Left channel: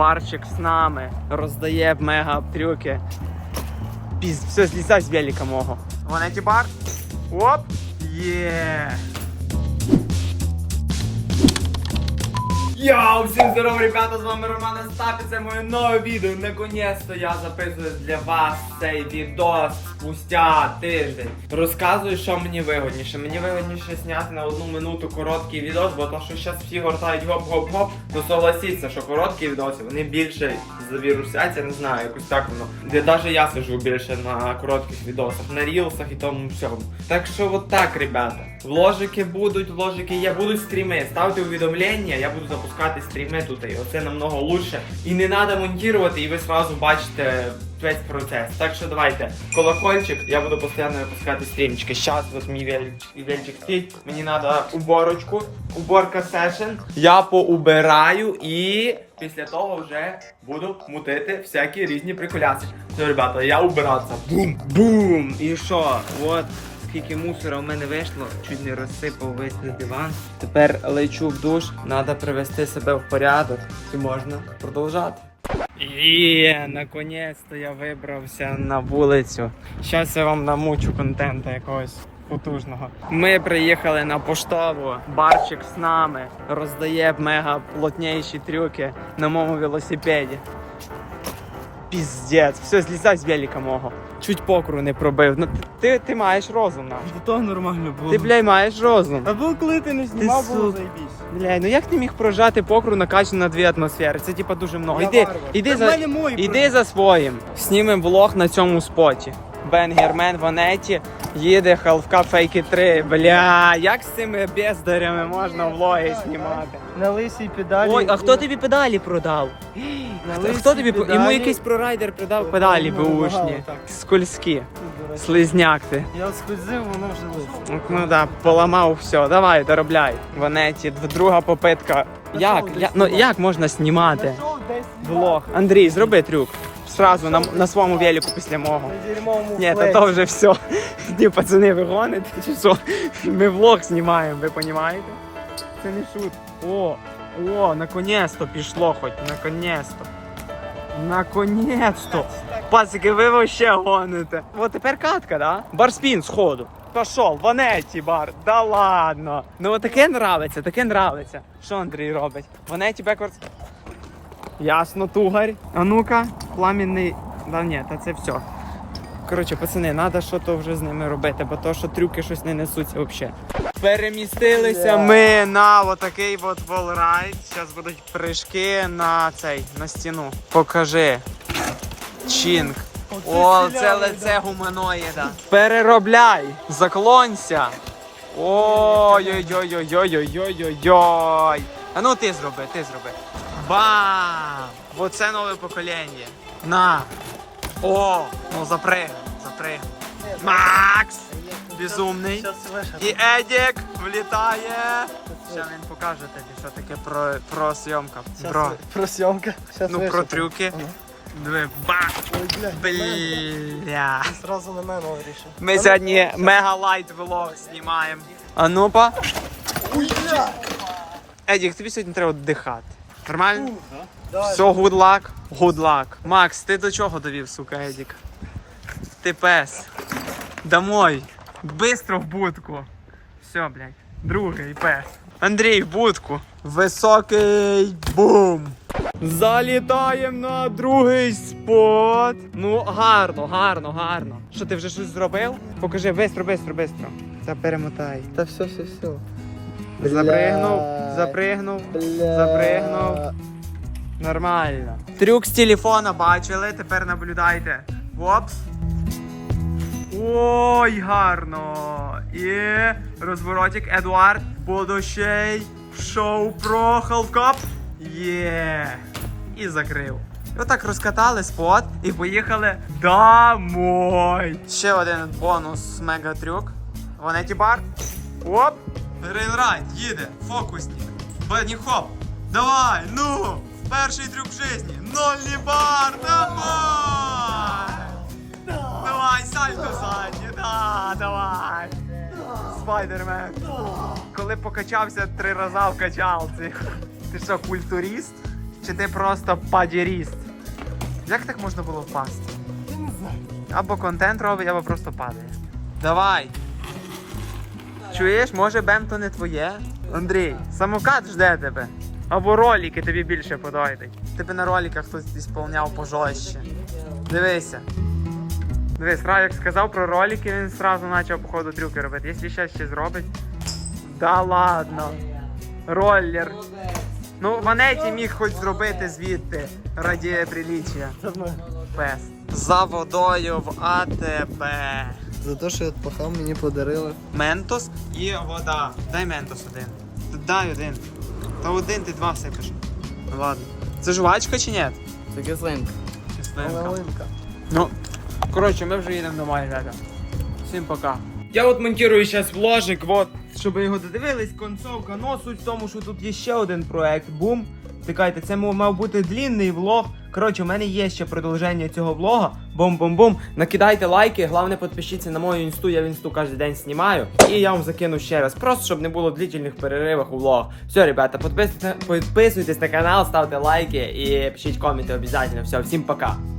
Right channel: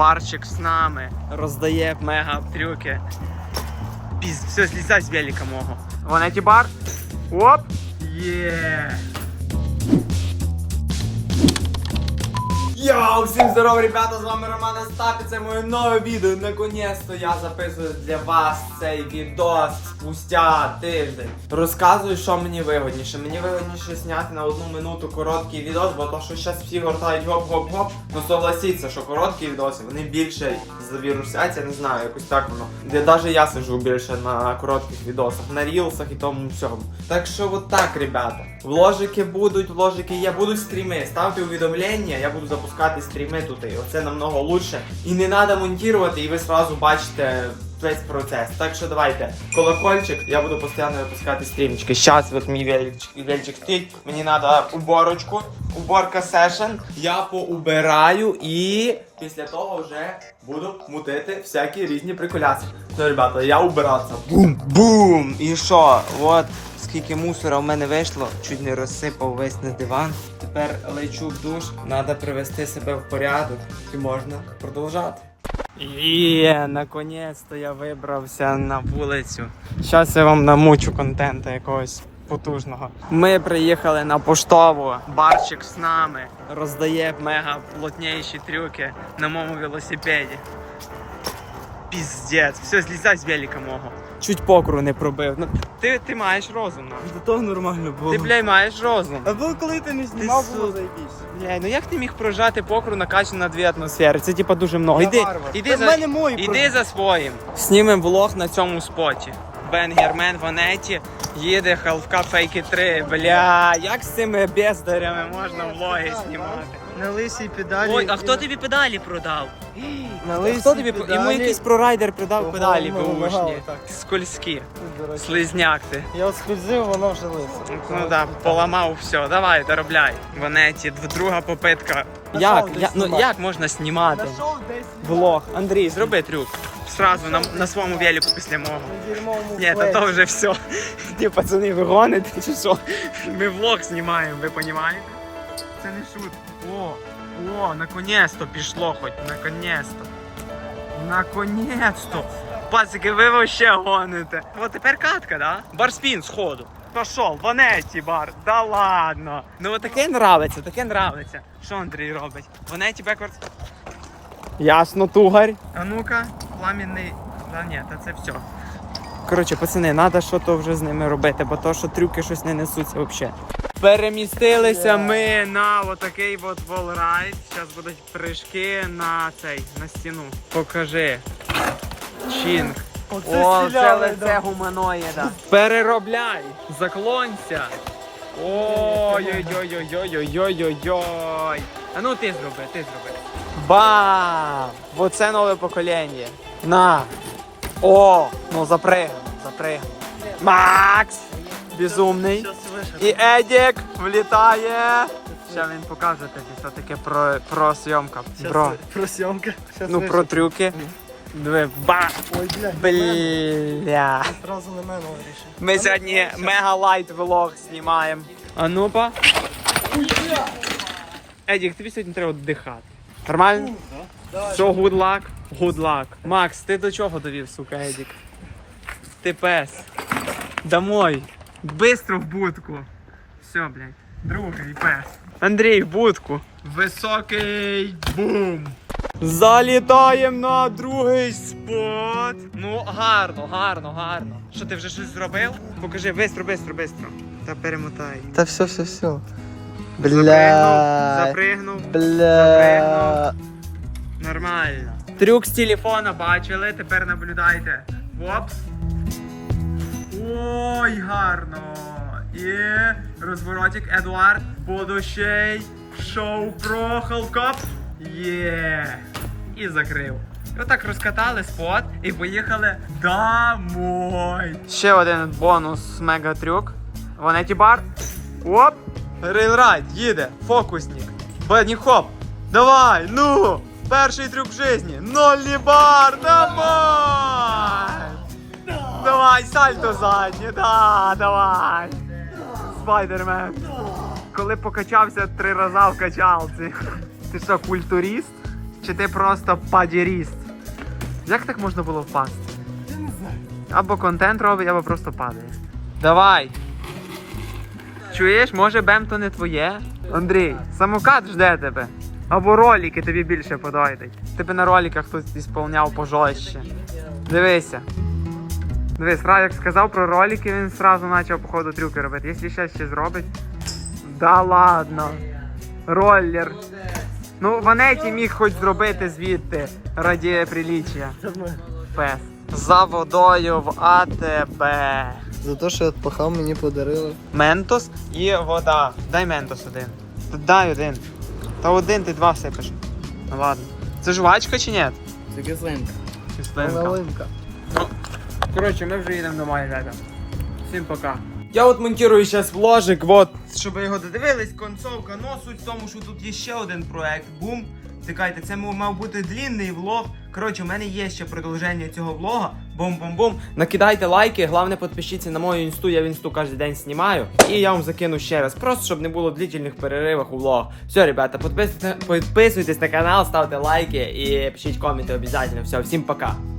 Барчик з нами роздає мега трюки. Піз, все, злізай з велика мого. Ванеті бар. Оп! Є! Йоу, всім здорово, ребята, з вами Роман Остапі, це моє нове відео. Наконець-то я записую для вас цей відос спустя тиждень. Розказую, що мені вигодніше. Мені вигодніше зняти на одну минуту короткий відос, бо то, що зараз всі гортають гоп-гоп-гоп, ну согласіться, що короткі відоси, вони більше завірусяться, не знаю, якось так воно. Де навіть я сижу більше на коротких відосах, на рілсах і тому всьому. Так що от так, ребята. Вложики будуть, вложики є, будуть стріми. Ставте увідомлення, я буду запускати стріми тут. І оце намного лучше. І не треба монтувати, і ви сразу бачите весь процес. Так що давайте, колокольчик, я буду постійно випускати стрімчики. Щас от мій вельчик, стоїть. Мені треба уборочку, уборка сешен. Я поубираю і після того вже буду мутити всякі різні приколяси. Ну, ребята, я убиратися. Бум-бум! І що? От скільки мусора в мене вийшло, чуть не розсипав весь на диван. Тепер лечу в душ, треба привести себе в порядок і можна продовжати. І наконець-то я вибрався на вулицю. Зараз я вам намучу контенту якогось потужного. Ми приїхали на поштову, барчик з нами роздає мега плотніші трюки на моєму велосипеді. Піздець, все, злізай з велика мого. Чуть покру не пробив. Ну, ти, ти маєш розум. ну. До того нормально було. Ти, бля, маєш розум. Або коли ти не знімав, Ти було су- заєбісь. Бля, ну як ти міг прожати покру накачану на дві атмосфери? Це типа дуже много. Іди, варвар. іди Та за, мене мої іди за своїм. Снімем влог на цьому споті. Бенгермен в Анеті їде Халфка Фейки 3. Бля, як з цими бездарями можна влоги знімати? На лисій педалі. Ой, а хто тобі педалі продав? На Хто лисій тобі педалі. Йому якийсь прорайдер продав педалі бушні. отак. Скользкі. Слизняк ти. Я от вона вже лиса. Ну да, поламав все, давай, доробляй. В Анеті, друга попитка. Як? Я, ну як можна знімати? Влог. Андрій, зроби трюк. Сразу на, на своєму велику після мого. Ні, та то вже все. Ні, пацани, ви гоните, чи що? Ми влог знімаємо, ви розумієте? Це не шут. О, о, наконець-то пішло хоч, наконець-то. Наконець-то. Пацики, ви вообще гоните. От тепер катка, да? Барспін сходу. Пошов, ванеті бар. Да ладно. Ну от таке нравиться, таке нравиться. Що Андрій робить? Ванеті беквардс. Ясно, тугарь. А ну-ка, пламінний. Да ні, та це все. Коротше, пацани, треба що то вже з ними робити, бо то, що трюки щось не несуться взагалі. Перемістилися ми на отакий от волрайд. Зараз будуть прыжки на цей, на стіну. Покажи. Чінг. О, це лице гуманоїда. Переробляй, заклонься. Ой-ой-ой-ой-ой-ой-ой-ой-ой. А ну ти зроби, ти зроби. Бам! Оце нове покоління. На. О, ну запригай, запригай. Макс! Безумний. І Едік влітає. Ще він покаже тобі, що таке про, про зйомка. Бро. Про зйомка. Ну про трюки. Диви, ба! Бля. Зразу на мене вирішив. Ми сьогодні мега лайт влог знімаємо. А ну-па. Едік, тобі сьогодні треба віддихати. Нормально? Все, good luck? Good luck. Макс, ти до чого довів, сука, Едік? Ти пес. Домой. Бистро в будку. Все, блядь. Другий пес. Андрій, в будку. Високий бум. Залітаємо на другий спот. Ну, гарно, гарно, гарно. Що ти вже щось зробив? Покажи, бистро, бистро, бистро. Та перемотай. Та все, все, все. Запригнув, запригнув, запригнув. Нормально. Трюк з телефона бачили, тепер наблюдайте. Опс. Ой, гарно. І розворотик Едуард. Будущий шоу про Халкап. Є. І закрив. Отак розкатали спот і поїхали домой. Ще один бонус мегатрюк. Ванеті бар. Оп! Рейлрайд, їде, фокусник. Бедні хоп. Давай, ну! Перший трюк в житті. Нолі бар, давай! Давай, сальто заднє, да, давай! Спайдермен. Коли покачався три рази в качалці. Ти що, культуріст? Чи ти просто падіріст? Як так можна було впасти? Я не знаю. Або контент робить, або просто падає. Давай. Чуєш, може бем то не твоє? Андрій, самокат жде тебе. Або ролики тобі більше подойдуть. Тебе на роликах хтось ісполняв пожорстче. Дивися. Дивись, Раєк сказав про ролики, він сразу почав походу трюки робити. Якщо ще ще зробить. Да ладно. Роллер. Ну, Ванеті міг хоч зробити звідти раді приліччя. Пес. За водою в АТБ. За те, що я пахав, мені подарили. Ментос і вода. Дай ментос один. Дай один. Та один ти два сипеш. Ну ладно. Це жвачка чи ні? Це кислинка. Кислинка. Ну, коротше, ми вже їдемо домой, ребята. Всім пока. Я от монтирую зараз вложик, от, щоб ви його додивились, концовка. Ну, суть в тому, що тут є ще один проект. Бум. Чекайте, це мав бути длінний влог. Коротше, у мене є ще продовження цього влога. Бум-бум-бум. Накидайте лайки, головне підпишіться на мою інсту, я в інсту кожен день знімаю. І я вам закину ще раз, просто щоб не було длительних переривах у влог. Все, ребята, підписуйтесь, підписуйтесь на канал, ставте лайки і пишіть коменти обов'язково. Все, всім пока.